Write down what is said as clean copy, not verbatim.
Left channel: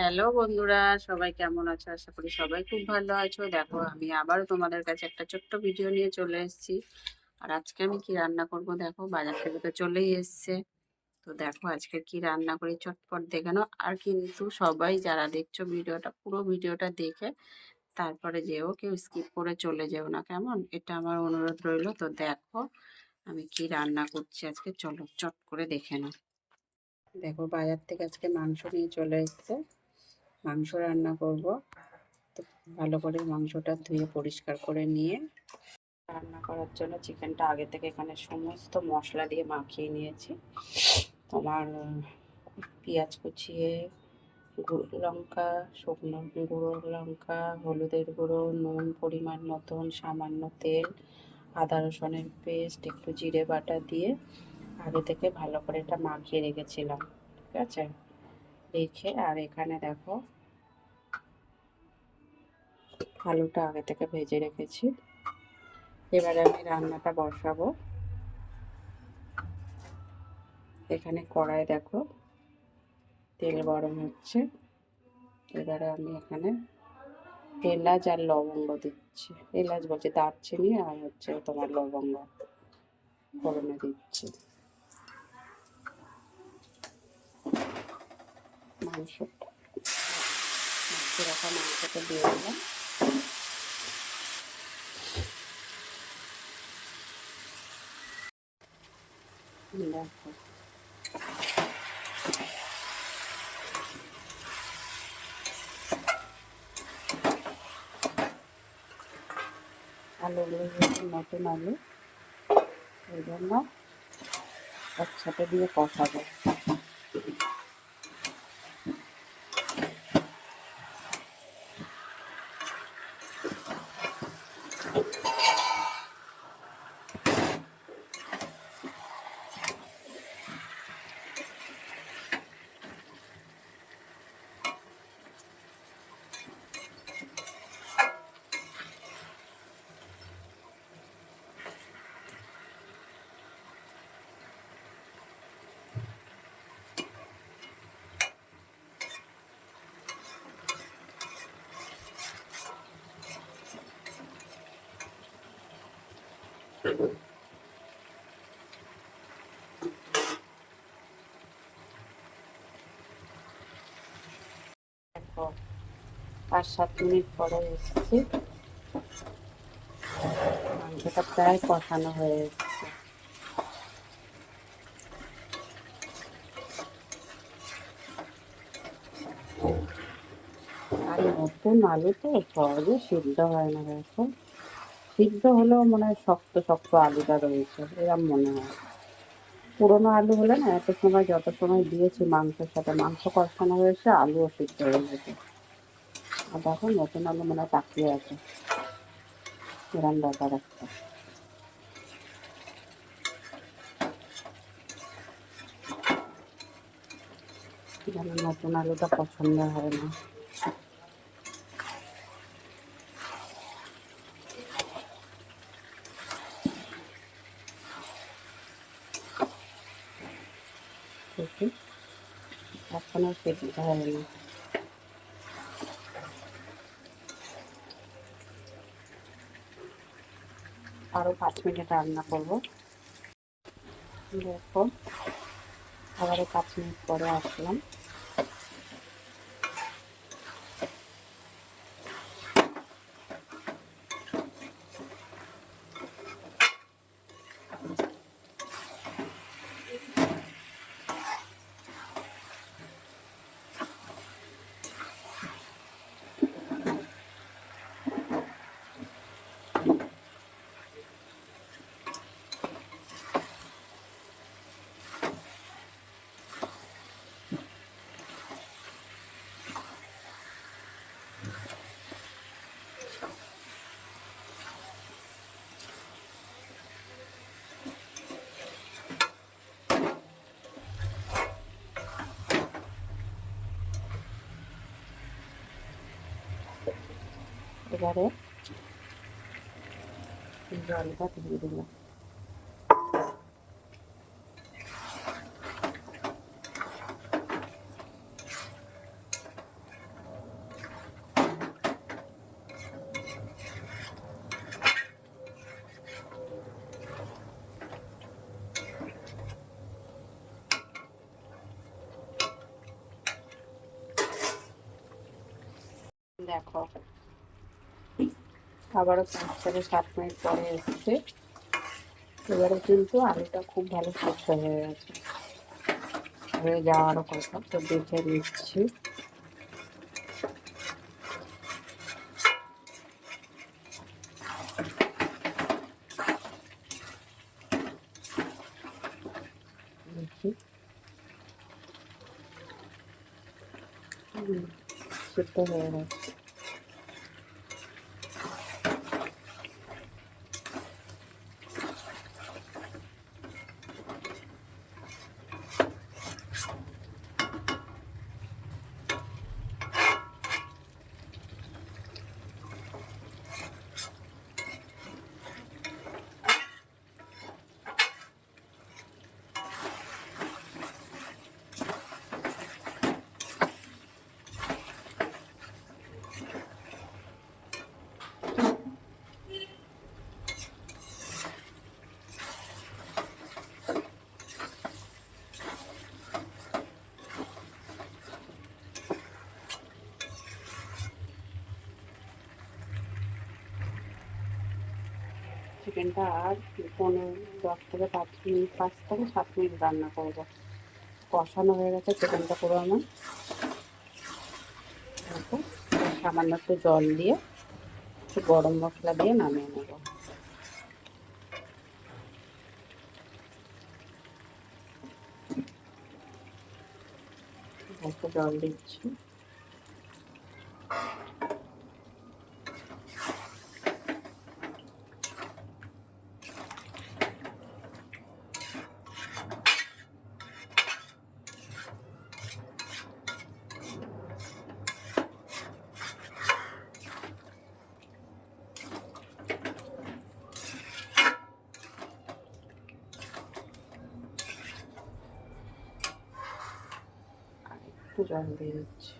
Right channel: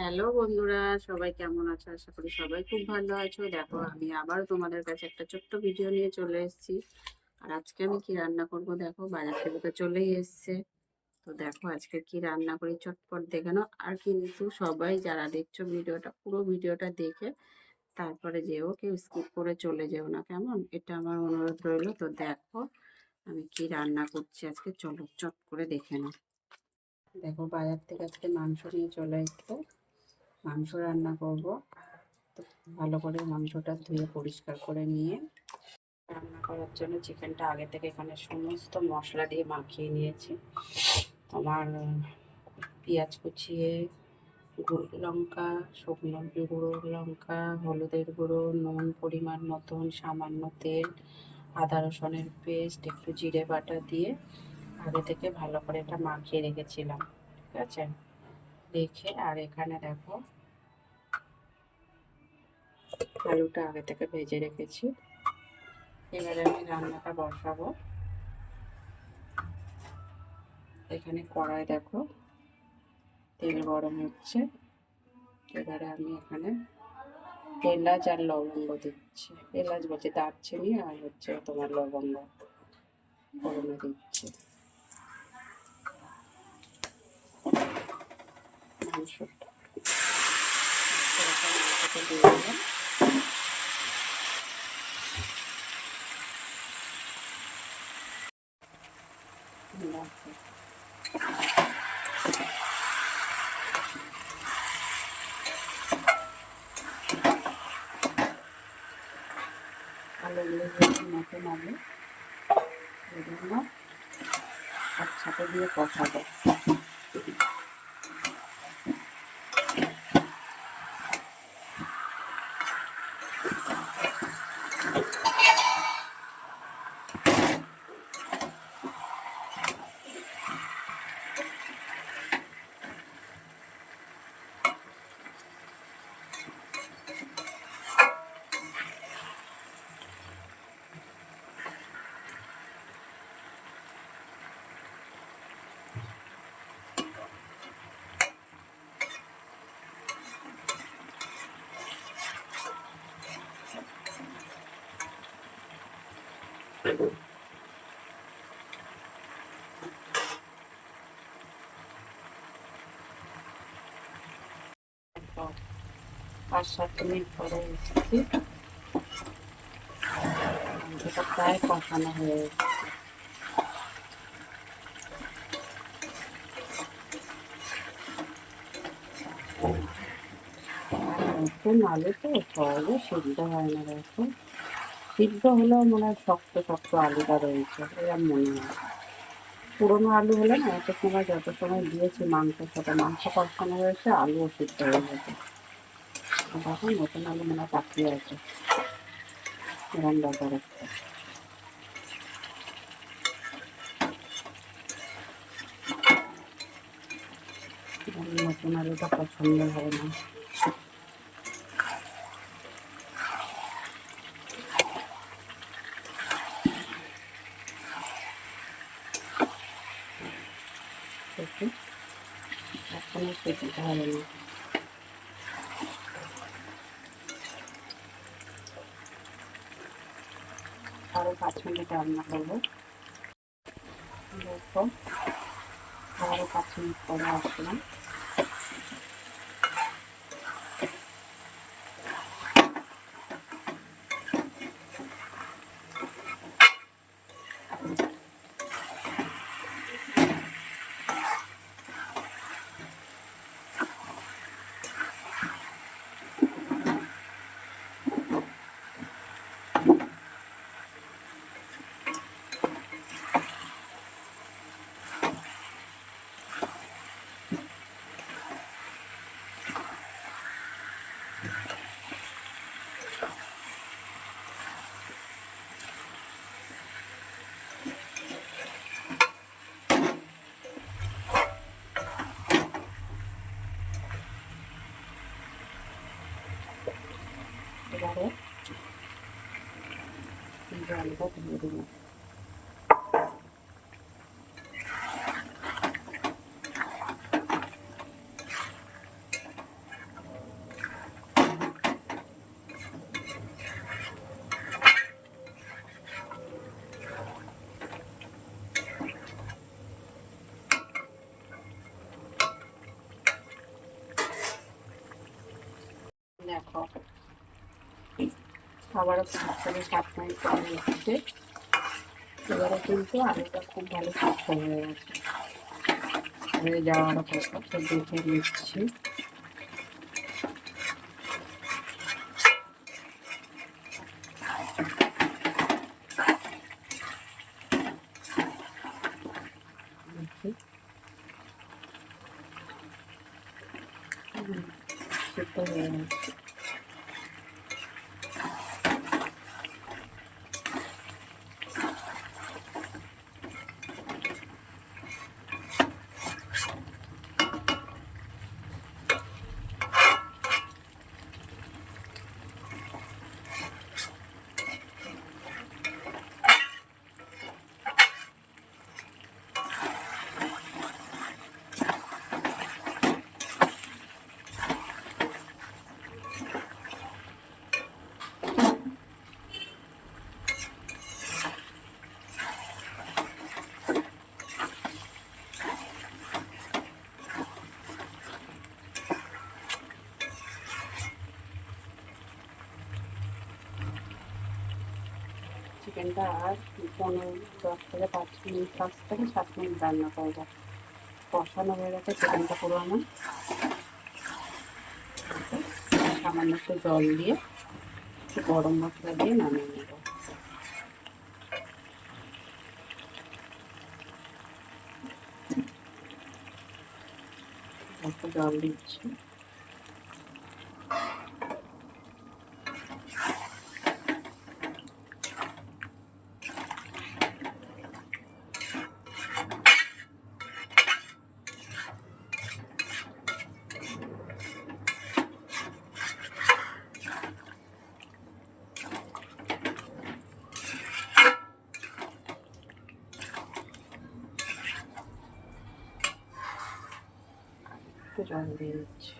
Hello বন্ধুরা, সবাই কেমন আছো? আশা করি সবাই খুব ভালো আছো। দেখো, আমি আবারও তোমাদের কাছে একটা ছোট্ট ভিডিও নিয়ে চলে এসেছি। আর আজকে আমি কি রান্না করব, দেখো বাজার থেকে তো চলেই এসছে। তো দেখো আজকে কি রান্না করি চটপট দেখে নাও। আর কিন্তু সবাই যারা দেখছো ভিডিওটা, পুরো ভিডিওটা দেখে তারপরে যেও, কেউ স্কিপ করে চলে যেও না, কেমন? এটা আমার অনুরোধ রইলো। তো দেখো আমি কি রান্না করছি আজকে, চলো চট করে দেখে নাও। দেখো বাজার থেকে আজকে মাংস নিয়ে চলে এসছে, মাংস রান্না করব। তো ভালো করে মাংসটা ধুয়ে পরিষ্কার করে নিয়ে রান্না করার জন্য চিকেনটা আগে থেকে এখানে সমস্ত মশলা দিয়ে মাখিয়ে নিয়েছি। তোমার পেঁয়াজ কুচিয়ে, লঙ্কা, শুকনো গুঁড়ো লঙ্কা, হলুদের গুঁড়ো, নুন পরিমাণ মতন, সামান্য তেল, আদা রসুনের পেস্ট, একটু জিরে বাটা দিয়ে আগে থেকে ভালো করে এটা মাখিয়ে রেখেছিলাম। ঠিক আছে, রেখে আর এখানে দেখো আলুটা আগে থেকে ভেজে রেখেছি। এবারে আমি রান্নাটা বসাবো। এখানে কড়াই দেখো তেল গরম হচ্ছে। এবারে আমি এখানে এলাচ আর লবঙ্গ দিচ্ছি, এলাচ বলছি, দারচিনি আর হচ্ছে তোমার লবঙ্গ ফোড়নে দিচ্ছি। মাংসটা এরকম মাংসটা দিয়ে দিলাম। দেখো আলুগুলো যেহেতু নতুন আলু, এই জন্য একসাথে দিয়ে কষাবো। দেখো 5-7 মিনিট পরে এসেছি, মাংসটা প্রায় কষানো হয়ে এসেছে। আর নতুন আলু তো সহজে সিদ্ধ হয় না। দেখো সিদ্ধ হলেও মনে হয় শক্ত শক্ত আলুটা রয়েছে, এরকম মনে হয়। পুরোনো আলু হলে না, এত সময় যত সময় দিয়েছি মাংসের সাথে, মাংস কষানো হয়েছে, আলুও সিদ্ধ হয়ে গেছে। আর দেখো নতুন আলু মনে হয় তাকিয়ে আছে, এরকম ব্যাপার একটা। নতুন আলুটা পছন্দ হয় না। দেখি এখনো সিদ্ধ হয়নি। আরও 5 মিনিট রান্না করবো। দেখো আবারও 5 মিনিট পরে আসলাম। এবারে জলটা দিয়ে দিলাম। দেখো আবারও 5 থেকে 7 মিনিট পরে এসছে। এবারে কিন্তু আলুটা খুব ভালো সিদ্ধ হয়ে গেছে, হয়ে যাওয়ারও কথা, তো দেখে নিচ্ছি। দেখি সিদ্ধ হয়ে গেছে। চিকেনটা আর 10 থেকে 5 মিনিট, 5 থেকে 7 মিনিট রান্না করবো। কষানো হয়ে গেছে চিকেনটা পুরো আমার। সামান্য একটু জল দিয়ে একটু গরম মশলা দিয়ে নামিয়ে নেব। একটু জল দিচ্ছি। একটু জল দিয়ে দিচ্ছি।